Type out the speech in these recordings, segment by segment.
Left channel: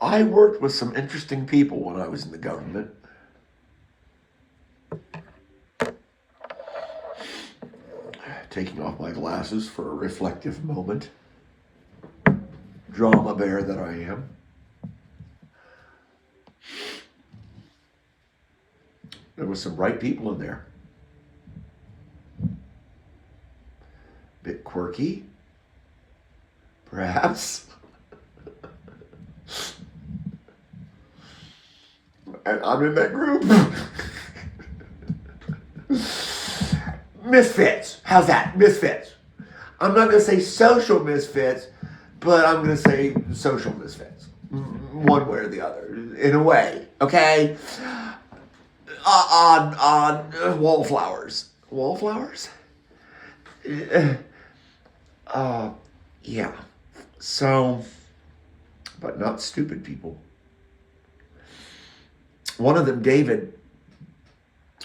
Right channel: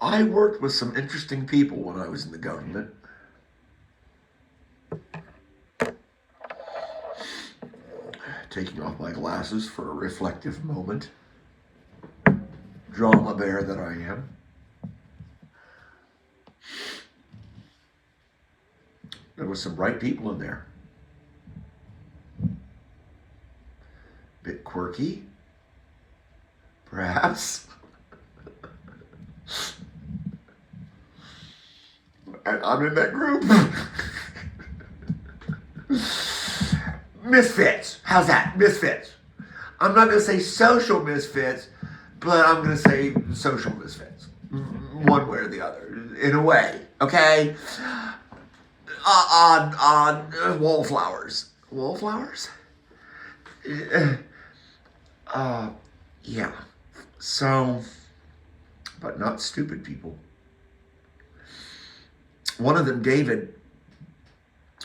I worked with some interesting people when I was in the government. Taking off my glasses for a reflective moment. Drama bear that I am. There were some bright people in there. Bit quirky, perhaps. And I'm in that group. Misfits. How's that? Misfits. I'm not going to say social misfits, but I'm going to say social misfits. One way or the other, in a way. Okay? Wallflowers. Wallflowers? Yeah. So, but not stupid people. One of them, David,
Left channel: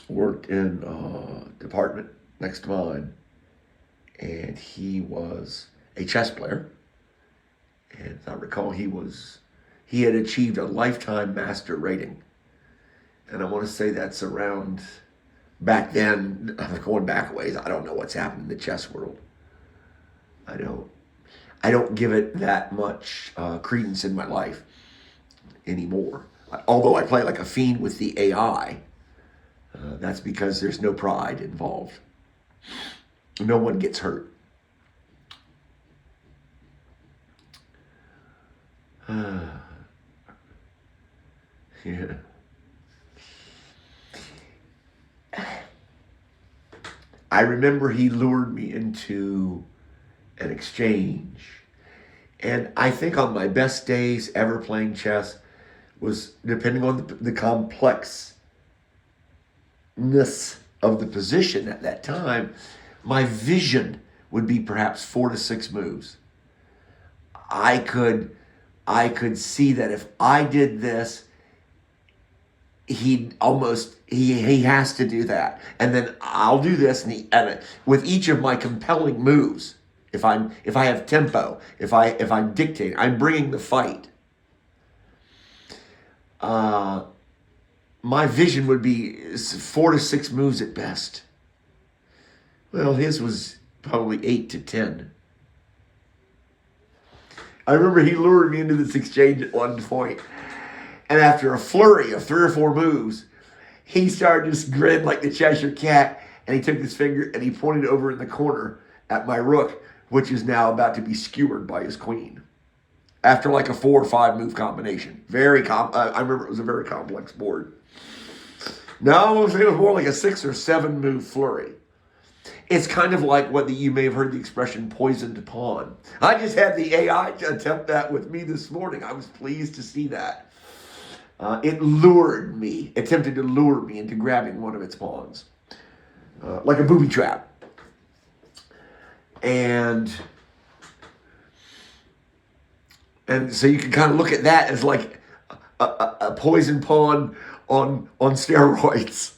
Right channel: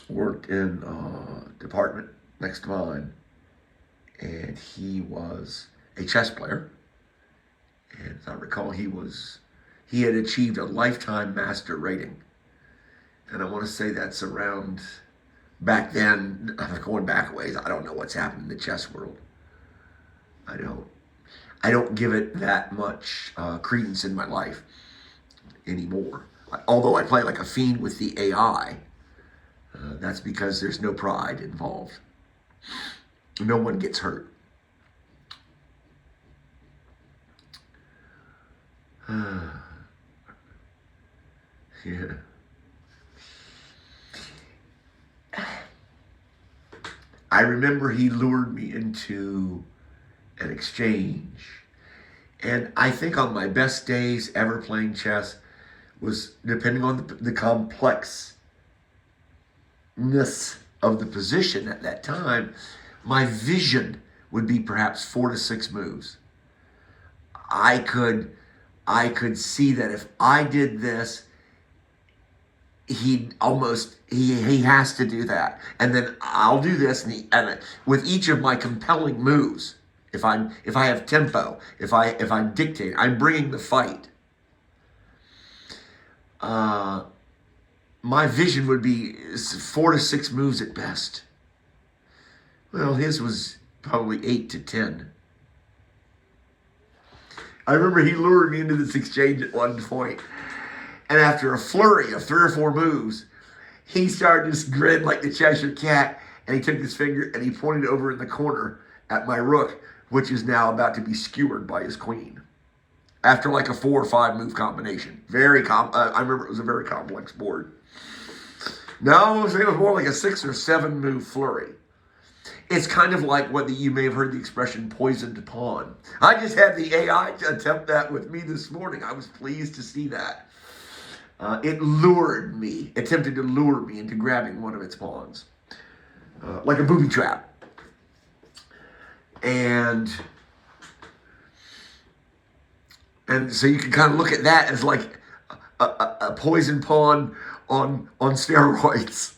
worked in a department next to mine, and he was a chess player. And as I recall, he had achieved a lifetime master rating. And I want to say that's around back then, going back a ways. I don't know what's happened in the chess world. I don't give it that much credence in my life anymore. Although I play like a fiend with the AI, that's because there's no pride involved. No one gets hurt. Yeah. I remember he lured me into an exchange. And I think on my best days ever playing chess was, depending on the complexness of the position at that time, my vision would be perhaps 4 to 6 moves. I could see that if I did this, he has to do that, and then I'll do this, and with each of my compelling moves, if I have tempo, if I'm dictating, I'm bringing the fight. My vision would be 4 to 6 moves at best. Well, his was probably 8 to 10. I remember he lured me into this exchange at one point. And after a flurry of 3 or 4 moves, he started to just grin like the Cheshire Cat. And he took his finger and he pointed over in the corner at my rook, which is now about to be skewered by his queen. After like a 4 or 5 move combination. I remember it was a very complex board. No, it was more like a 6 or 7 move flurry. It's kind of like what you may have heard the expression poisoned pawn. I just had the AI attempt that with me this morning. I was pleased to see that. It attempted to lure me into grabbing one of its pawns. Like a booby trap. And so you can kind of look at that as like a poison pawn on steroids.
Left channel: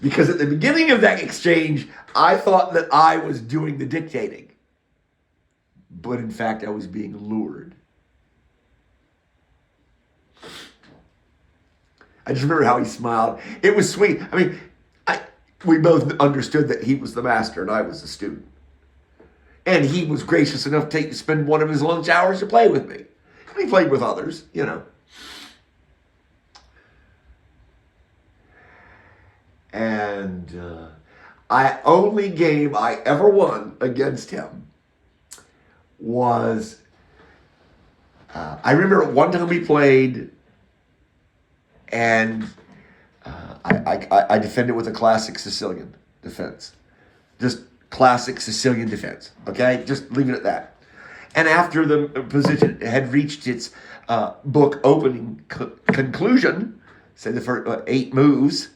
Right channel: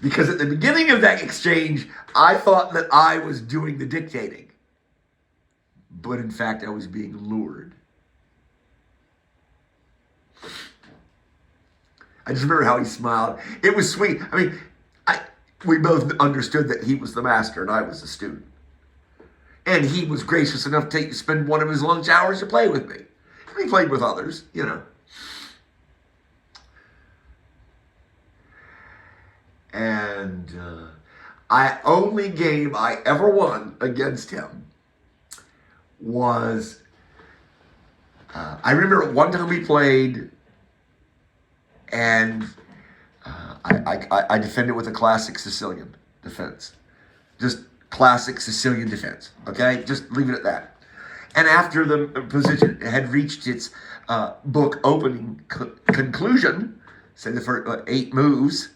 Because at the beginning of that exchange, I thought that I was doing the dictating. But in fact, I was being lured. I just remember how he smiled. It was sweet. I mean, we both understood that he was the master and I was the student. And he was gracious enough to spend one of his lunch hours to play with me. And he played with others, you know. And only game I ever won against him was, I remember one time we played, and I defended with a classic Sicilian defense. Just classic Sicilian defense, okay? Just leave it at that. And after the position had reached its book opening conclusion, say the first 8 moves,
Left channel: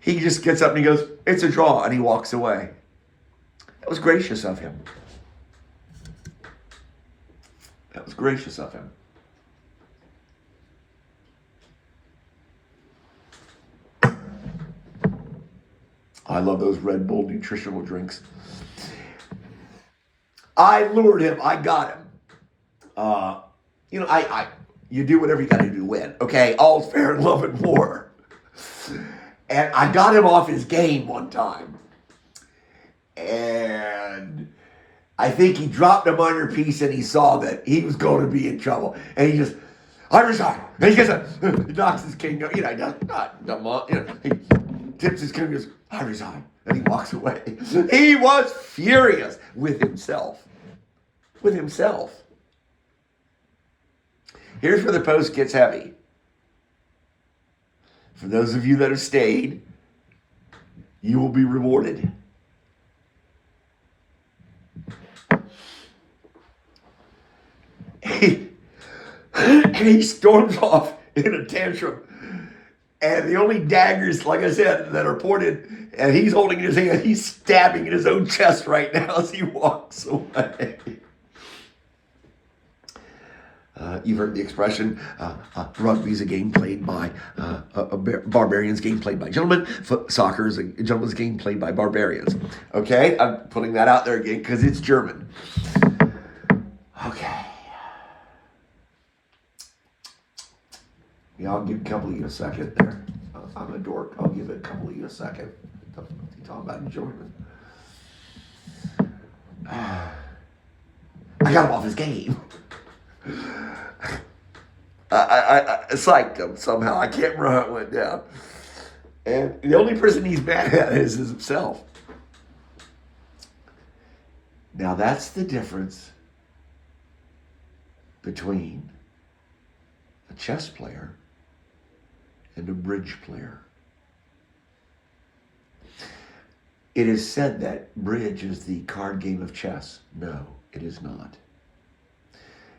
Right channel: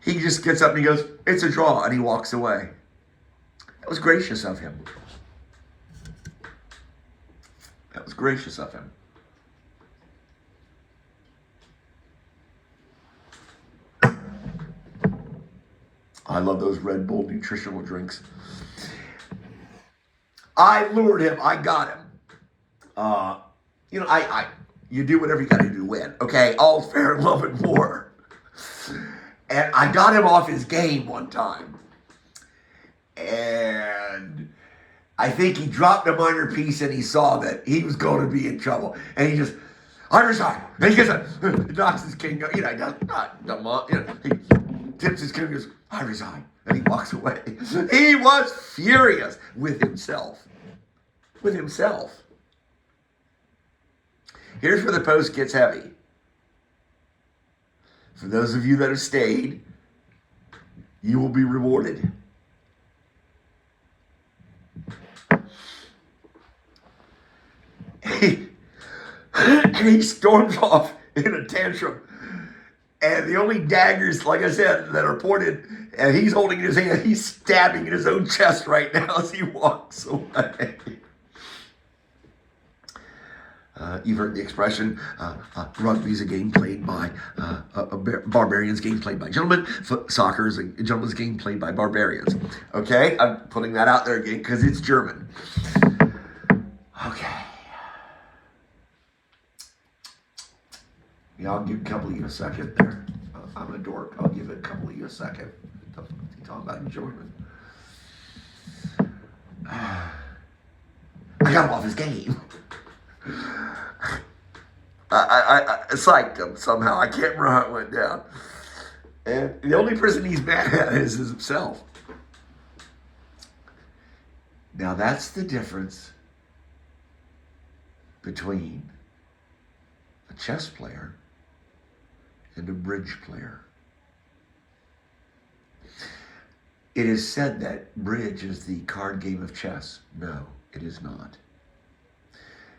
he just gets up and he goes, "It's a draw," and he walks away. That was gracious of him. That was gracious of him. I love those Red Bull nutritional drinks. I lured him. I got him. I You do whatever you got to do to win. Okay, all's fair in love and war. And I got him off his game one time. And I think he dropped a minor piece and he saw that he was going to be in trouble. And he just, I resign. And he knocks his king, he tips his king and goes, I resign. And he walks away. He was furious with himself. With himself. Here's where the post gets heavy. For those of you that have stayed, you will be rewarded. And he storms off in a tantrum. And the only daggers, like I said, that are pointed, and he's holding in his hand, he's stabbing in his own chest right now as he walks away. You've heard the expression, rugby's a game played by barbarians, game played by gentlemen. Soccer is a gentleman's game played by barbarians. Okay, I'm putting that out there again because it's German. Okay. Yeah, I'll give a couple of you a second there. I'm a dork. I'll give it a couple of you a second. You're talking about enjoyment. I got him off his game. I psyched him somehow. I can't remember how it went down. And the only person he's mad at is himself. Now that's the difference between a chess player and a bridge player. It is said that bridge is the card game of chess. No, it is not.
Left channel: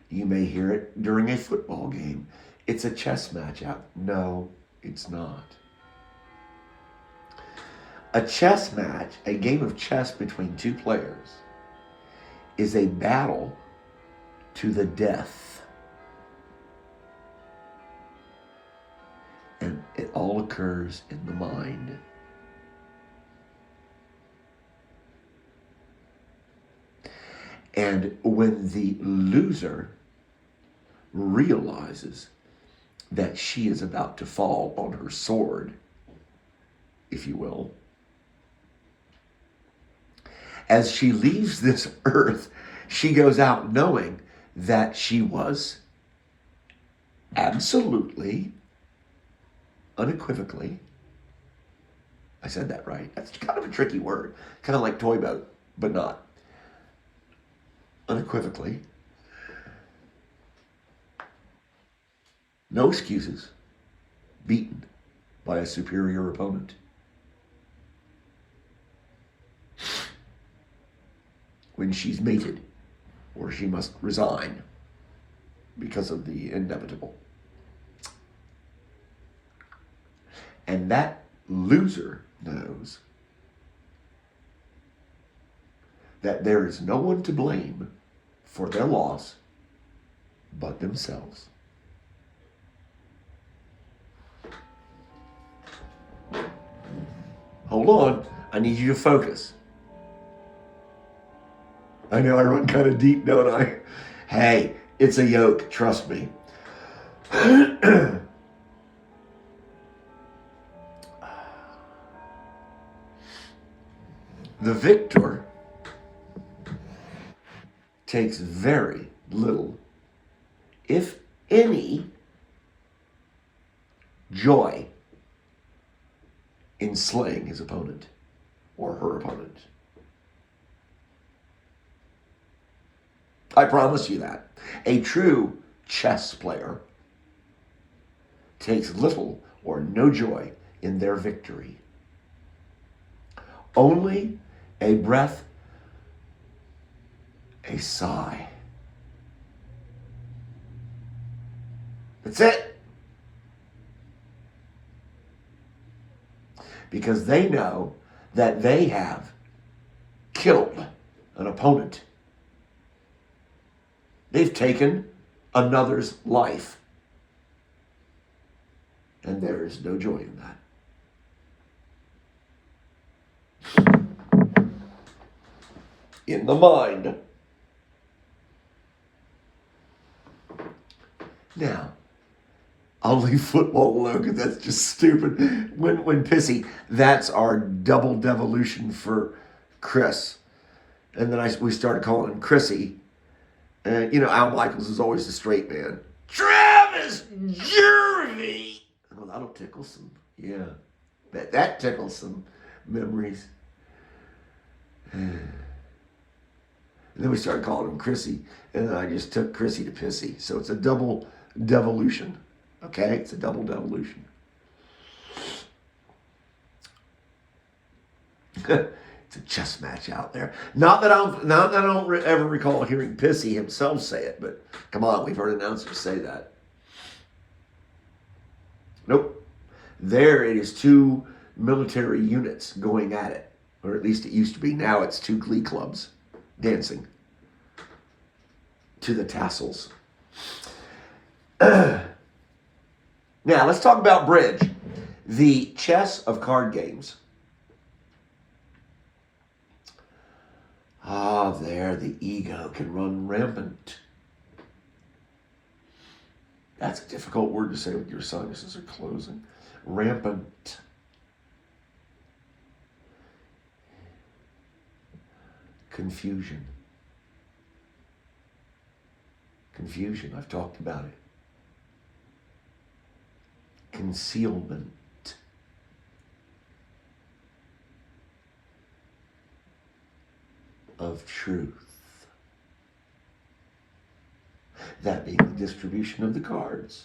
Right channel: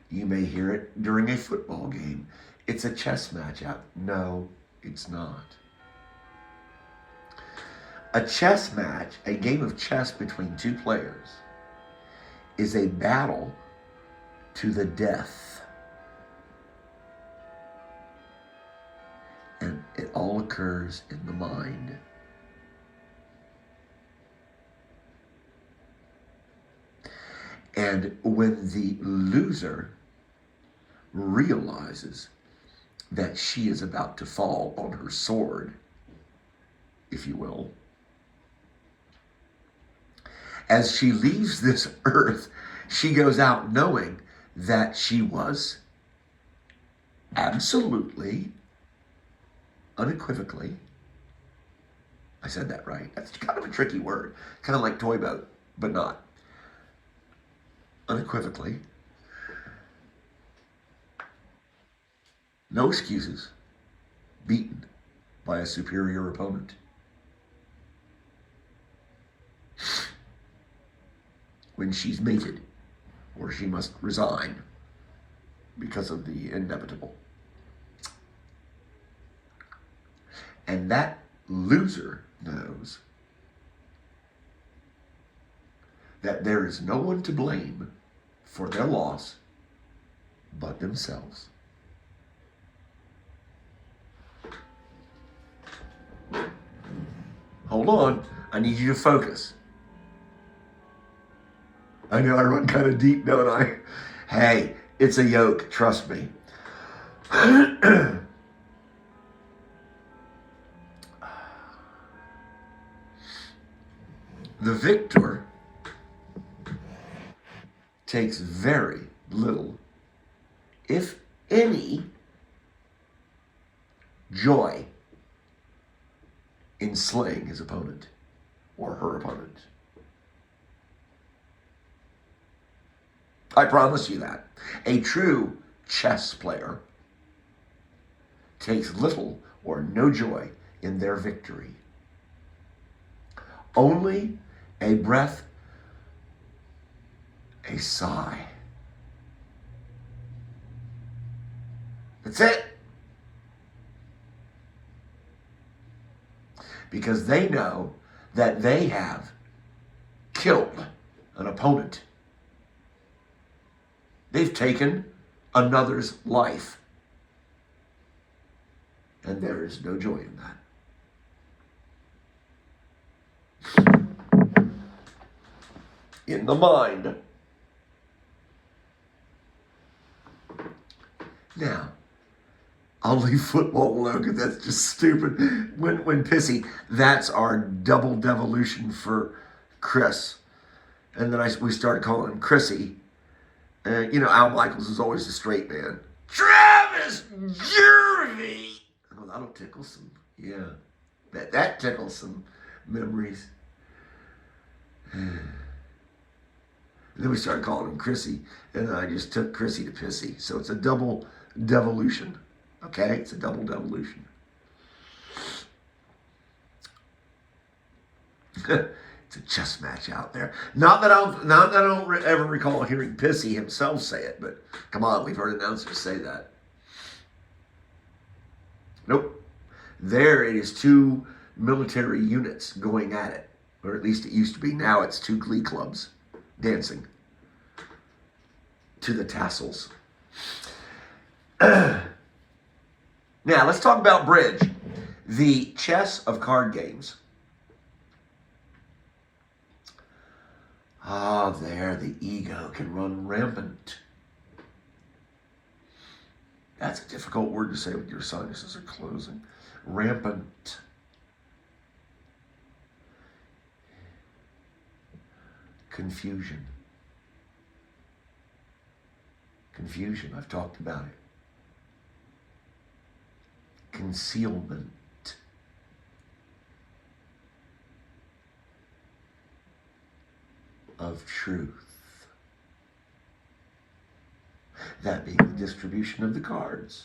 You may hear it during a football game. It's a chess matchup. No, it's not. A chess match, a game of chess between two players, is a battle to the death. And it all occurs in the mind. And when the loser realizes that she is about to fall on her sword, if you will, as she leaves this earth, she goes out knowing that she was absolutely, unequivocally, I said that right. That's kind of a tricky word. Kind of like toy boat, but not. Unequivocally. No excuses. Beaten by a superior opponent. When she's mated, or she must resign because of the inevitable. And that loser knows that there is no one to blame for their loss but themselves. Hold on, I need you to focus. I know I run kind of deep, don't I? Hey, it's a yoke, trust me. The victor takes very little, if any, joy in slaying his opponent or her opponent. I promise you that. A true chess player takes little or no joy in their victory. Only a breath, a sigh. That's it. Because they know that they have killed an opponent. They've taken another's life. And there is no joy in that. In the mind, Now, I'll leave football alone because that's just stupid. When pissy, that's our double devolution for Chris. And then we started calling him Chrissy. Al Michaels is always the straight man. Travis Jervy! Oh, that'll tickle some. Yeah. That tickles some memories. And then we started calling him Chrissy. And then I just took Chrissy to pissy. So it's a double devolution. Okay? It's a double devolution. It's a chess match out there. Not that I don't ever recall hearing Pissy himself say it, but come on, we've heard announcers say that. Nope. There it is, two military units going at it, or at least it used to be. Now it's two glee clubs dancing to the tassels. Now let's talk about bridge, the chess of card games. There the ego can run rampant. That's a difficult word to say with your sinuses are closing. Rampant. Confusion. Confusion, I've talked about it. Concealment. Of truth. That being the distribution of the cards.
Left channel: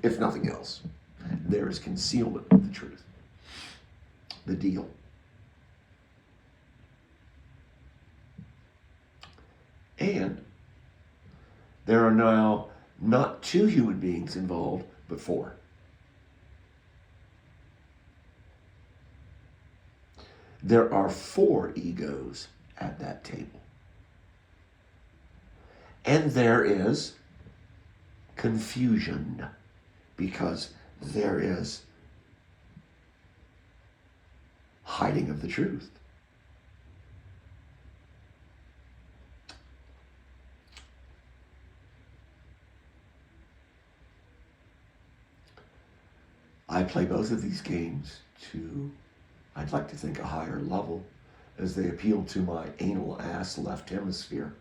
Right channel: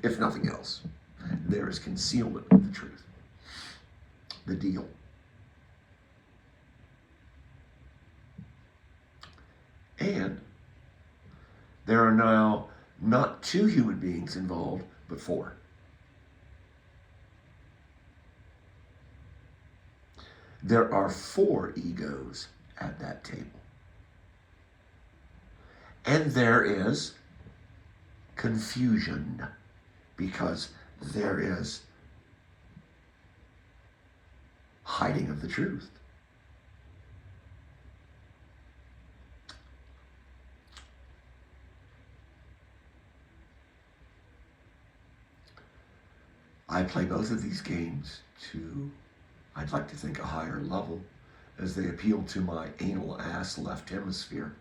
If nothing else, there is concealment of the truth. The deal. And there are now not two human beings involved, but four. There are four egos at that table. And there is confusion because there is hiding of the truth. I play both of these games to, I'd like to think, a higher level as they appeal to my anal ass left hemisphere.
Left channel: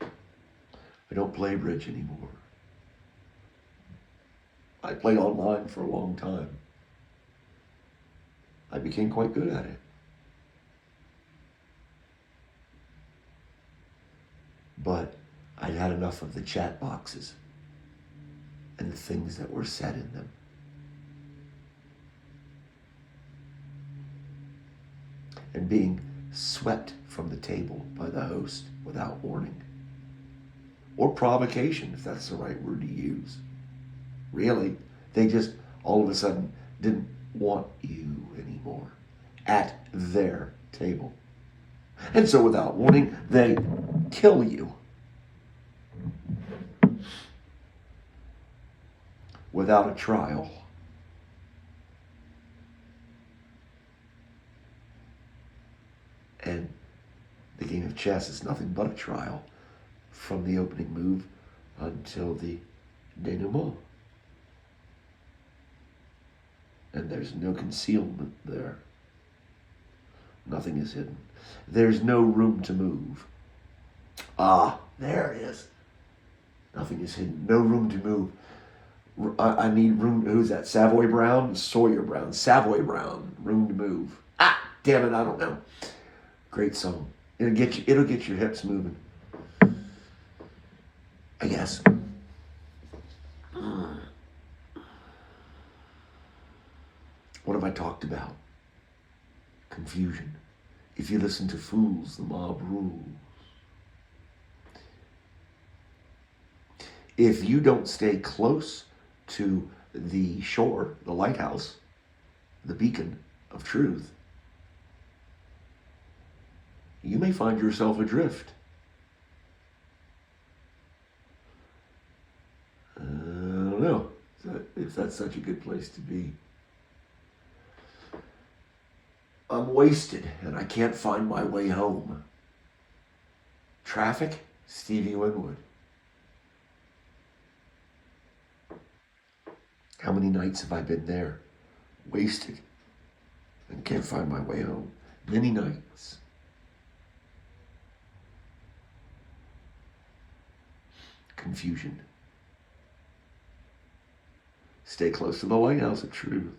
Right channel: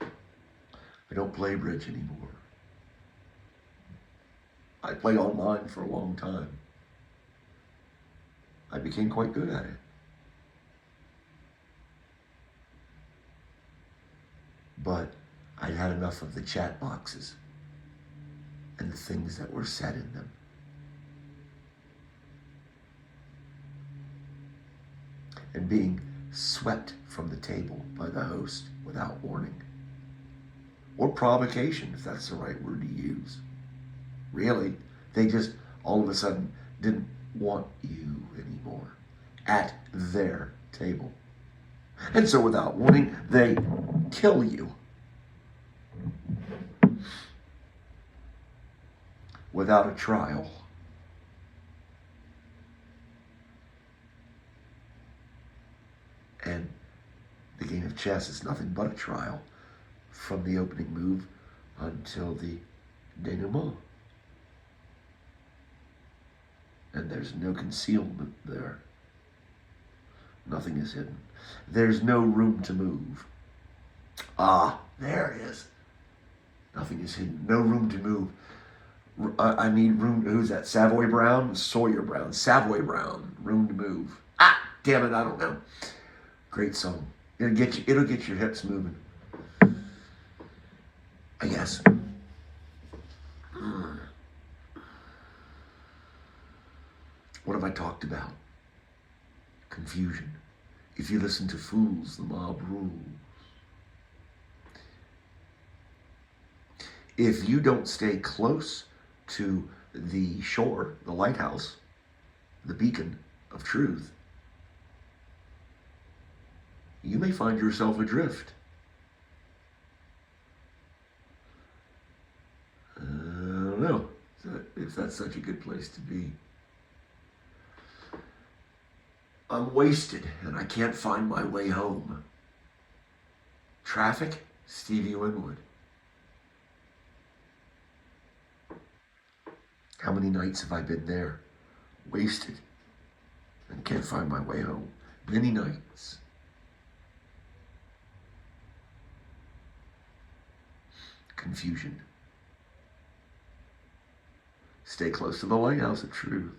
I don't play bridge anymore. I played online for a long time. I became quite good at it. But I'd had enough of the chat boxes and the things that were said in them. And being swept from the table by the host without warning. Or provocation, if that's the right word to use. Really, they just all of a sudden didn't want you anymore at their table. And so without warning, they kill you. Without a trial. And the game of chess is nothing but a trial from the opening move until the denouement. And there's no concealment there. Nothing is hidden. There's no room to move. Ah, there it is. Nothing is hidden. No room to move. I need room. Who's that? Savoy Brown? Sawyer Brown. Savoy Brown. Room to move. Ah, damn it, I don't know. Great song. It'll get your hips moving. I guess. What have I talked about? Confusion. If you listen to fools, the mob rules. If you don't stay close to the shore, the lighthouse, the beacon of truth, you may find yourself adrift. I don't know if that's such a good place to be. I'm wasted and I can't find my way home. Traffic, Stevie Winwood. How many nights have I been there? Wasted and can't find my way home. Many nights. Confusion. Stay close to the lighthouse of truth.